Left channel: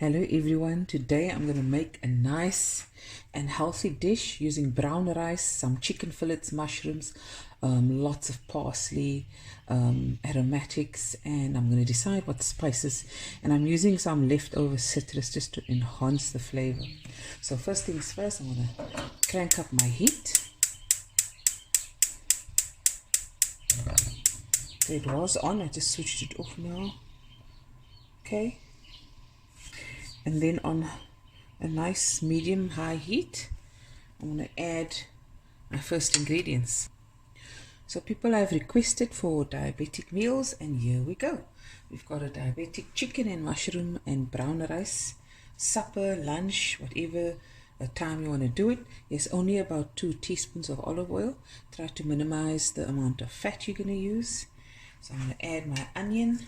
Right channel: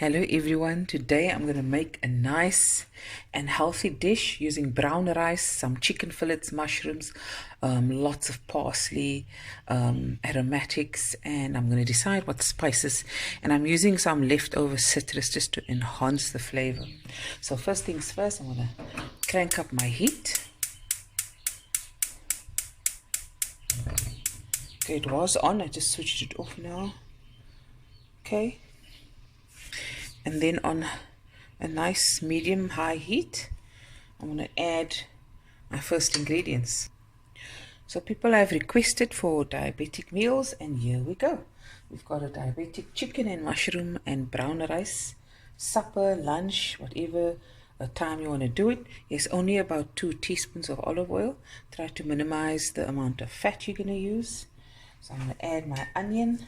Hello everyone, today I'm going to make a nice and healthy dish using brown rice, some chicken fillets, mushrooms, lots of parsley, aromatics, and I'm going to decide what spices, and I'm using some leftover citrus just to enhance the flavor. So first things first, I'm going to crank up my heat. Okay, it was on, I just switched it off now. Okay. And then on a nice medium high heat, I'm going to add my first ingredients. So people have requested for diabetic meals, and here we go. We've got a diabetic chicken and mushroom and brown rice, supper, lunch, whatever time you want to do it. There's only about 2 teaspoons of olive oil. Try to minimize the amount of fat you're going to use. So I'm going to add my onion,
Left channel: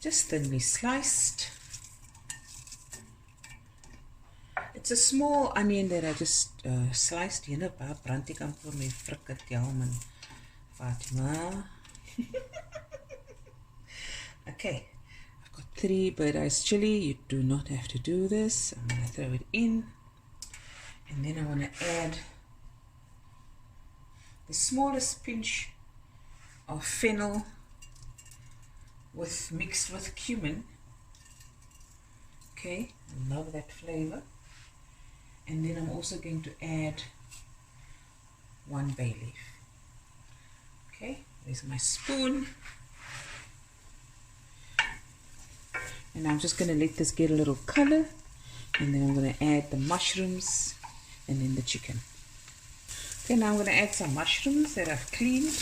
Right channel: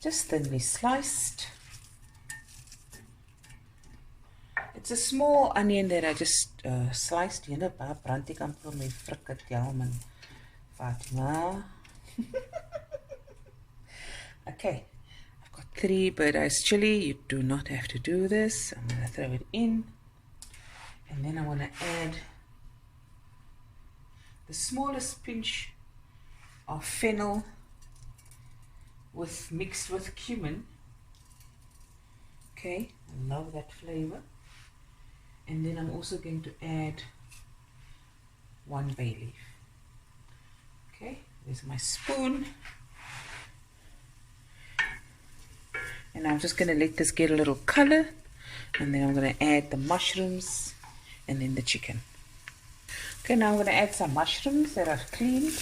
just thinly sliced. It's a small onion that I just sliced. You know, brand ek amper my frikadel man Fatima. Okay, I've got 3 bird-eyes chili. You do not have to do this. I'm going to throw it in. And then I want to add the smallest pinch of fennel mixed with cumin. Okay, I love that flavor. And then I'm also going to add 1 bay leaf. Okay, there's my spoon. And I'm just going to let this get a little color. And then I'm going to add the mushrooms and then the chicken. Okay, now I'm going to add some mushrooms that I've cleaned.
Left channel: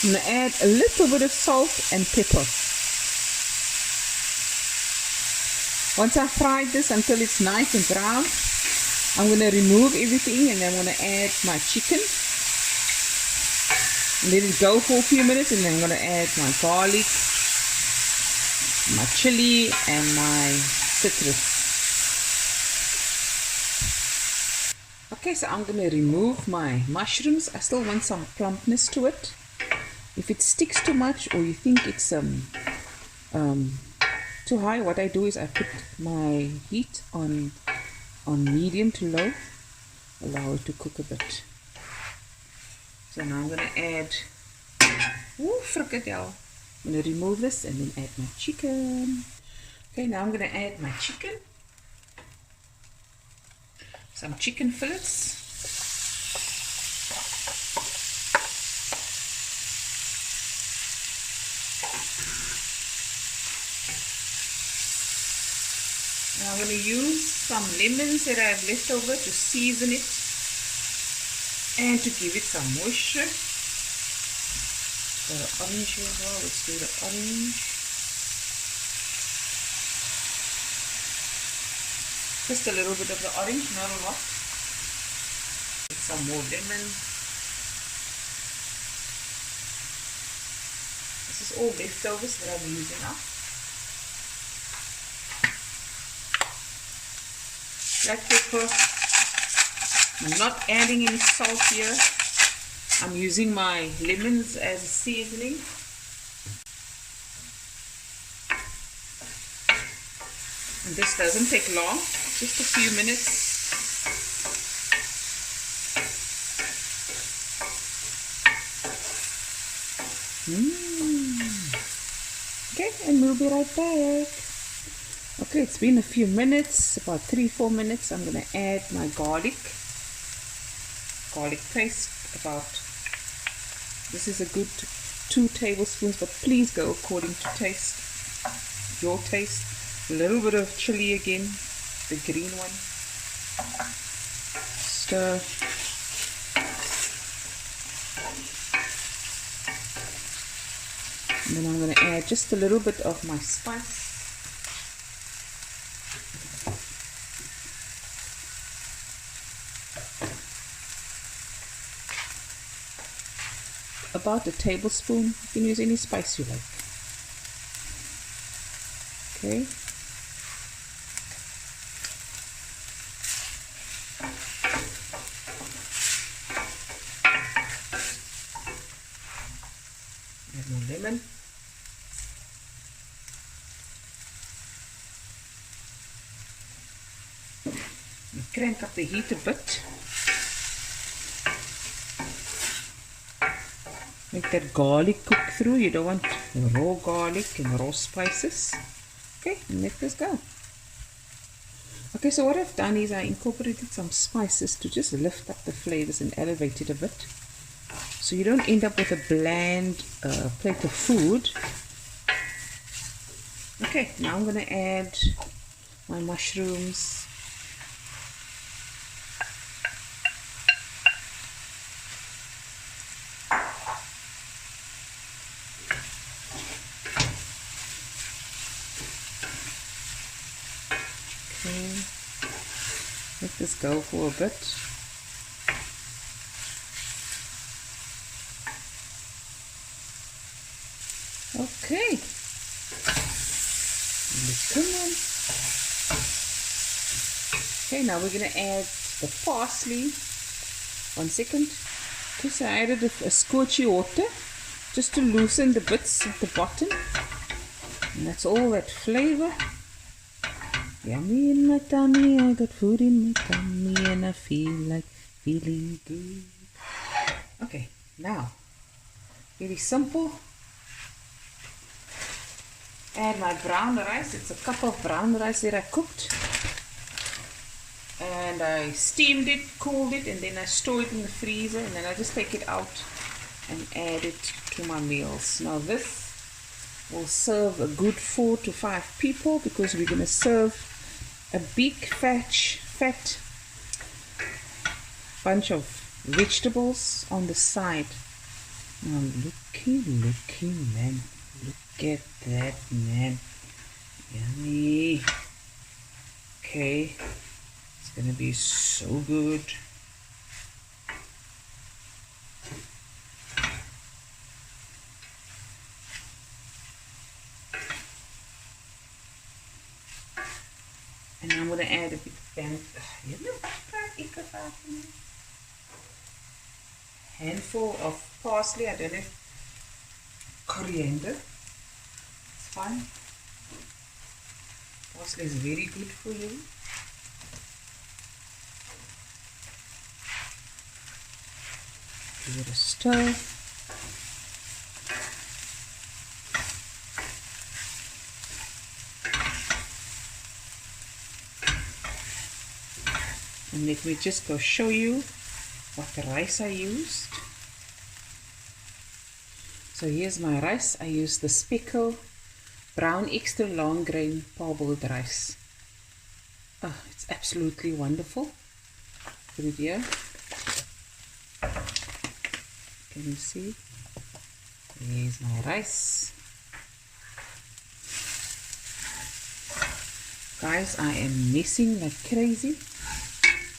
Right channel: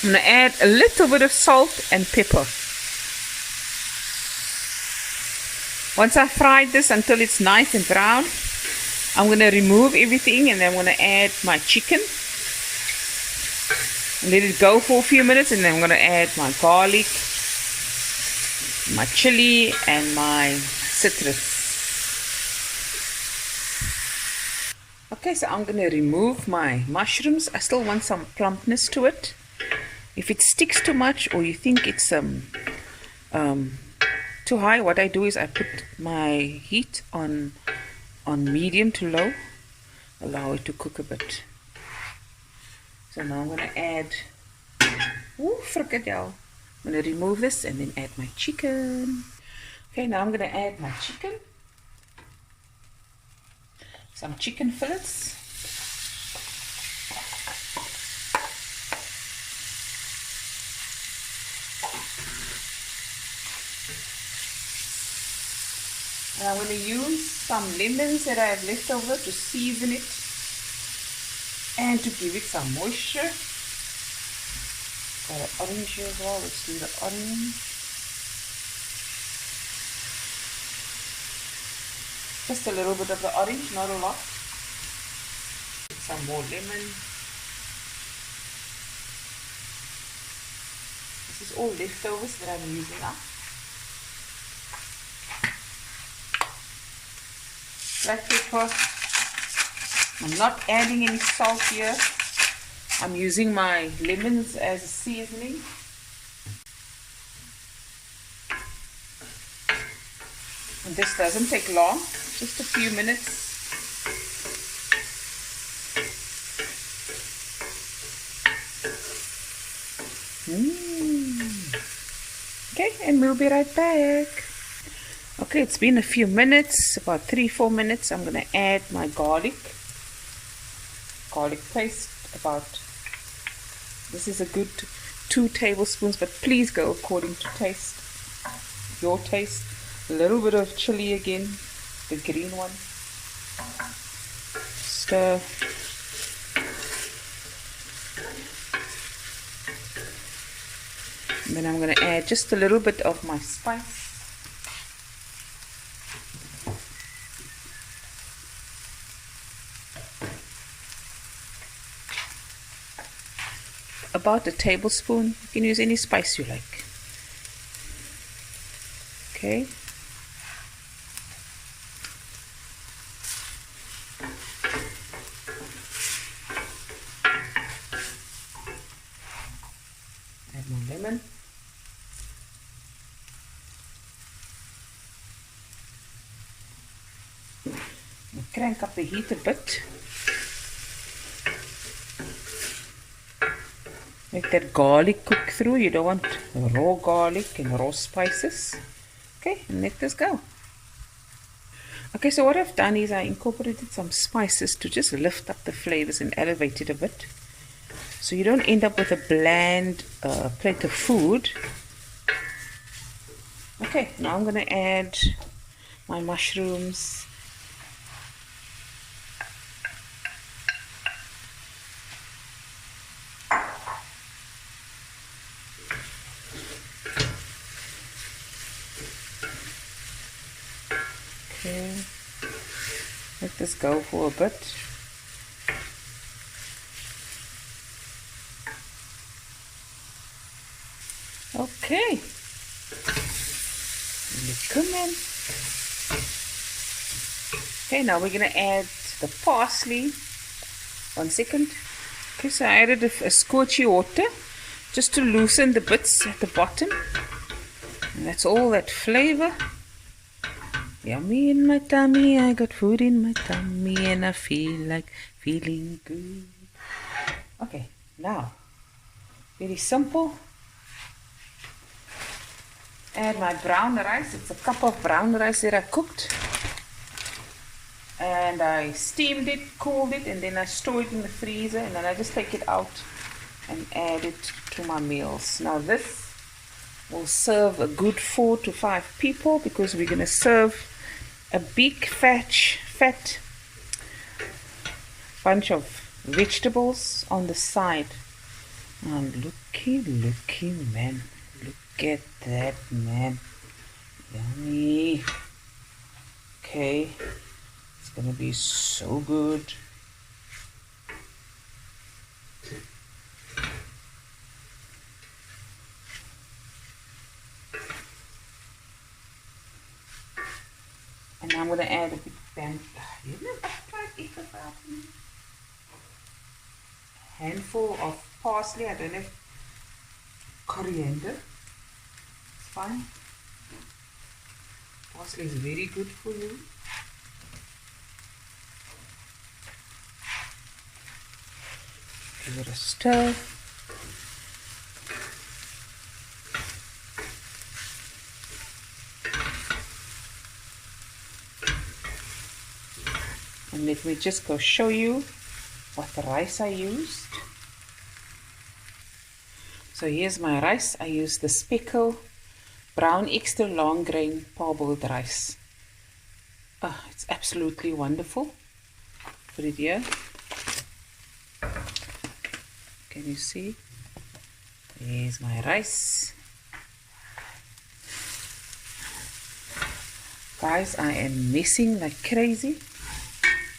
I'm going to add a little bit of salt and pepper. Once I've fried this until it's nice and brown, I'm going to remove everything, and then I'm going to add my chicken. Let it go for a few minutes, and then I'm going to add my garlic, my chili, and my citrus. Okay, so I'm going to remove my mushrooms. I still want some plumpness to it. If it sticks too much, or you think it's too high, what I do is I put my heat on medium to low, allow it to cook a bit. So now I'm going to add frikadel. I'm going to remove this and then add my chicken. Okay, now I'm going to add my chicken, some chicken fillets. And I'm going to use some lemons that I have left over to season it and to give it some moisture. Got an orange here as well. Let's do the orange. Just a little bit of the orange, not a lot. Some more lemon. This is all leftovers that I'm using up. Black pepper. I'm not adding any salt here. I'm using my lemons as a seasoning. And this doesn't take long, just a few minutes. Okay, and we'll be right back. Okay, it's been a few minutes, about 3-4 minutes. I'm going to add my garlic paste. This is a good 2 tablespoons, but please go according to taste, your taste. A little bit of chili again, the green one. Stir. And then I'm going to add just a little bit of my spice. About a tablespoon. You can use any spice you like. Okay. Add more lemon. Crank up the heat a bit. Make that garlic cook through. You don't want raw garlic and raw spices. Okay, and let this go. Okay, so what I've done is I incorporated some spices to just lift up the flavors and elevate it a bit. So you don't end up with a bland plate of food. Okay, now I'm going to add my mushrooms. Okay, let this go for a bit. Okay, cumin. Okay, now we're going to add the parsley. 1 second. Okay, so I added a scorchy water just to loosen the bits at the bottom. And that's all that flavor. Yummy in my tummy, I got food in my tummy and I feel like feeling good. Okay, now, very simple. Add my brown rice. It's a cup of brown rice that I cooked. And I steamed it, cooled it, and then I store it in the freezer, and then I just take it out and add it to my meals. Now this will serve a good 4 to 5 people because we're going to serve a big fat bunch of vegetables on the side. Now looky man, look at that, man. Yummy. Okay, it's gonna be so good. And I'm gonna add a big handful of parsley. I don't have coriander. It's fine. Parsley is very good for you. Give it a stir. And let me just go show you what the rice I used. So here's my rice. I used the Speckle brown extra long grain parboiled rice. Oh, it's absolutely wonderful. Put it here. Can you see? Here's my rice. Guys, I am messing like crazy.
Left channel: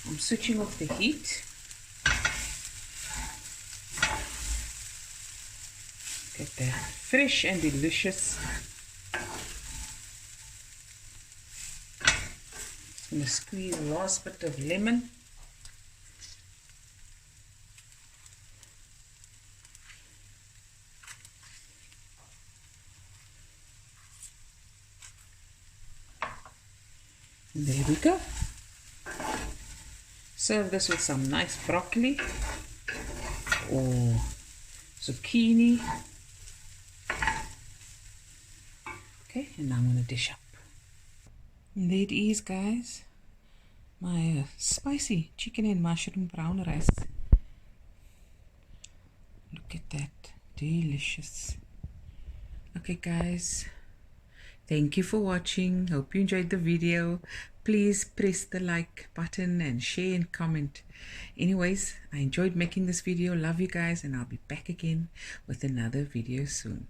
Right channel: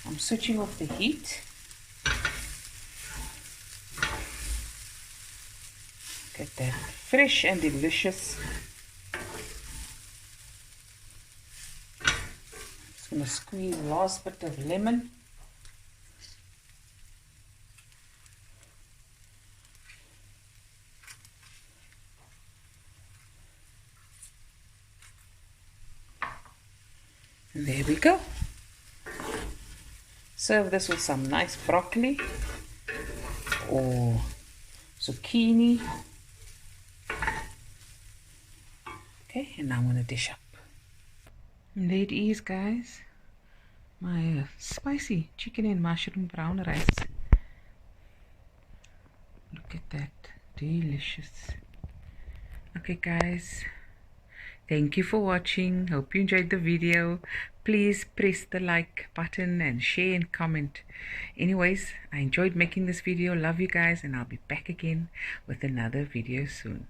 I'm switching off the heat. Get that fresh and delicious. Just going to squeeze the last bit of lemon. And there we go. Serve this with some nice broccoli or zucchini. Okay, and now I'm going to dish up. And there it is, guys. My spicy chicken and mushroom brown rice. Look at that. Delicious. Okay, guys. Thank you for watching. Hope you enjoyed the video. Please press the like button and share and comment. Anyways, I enjoyed making this video. Love you guys, and I'll be back again with another video soon.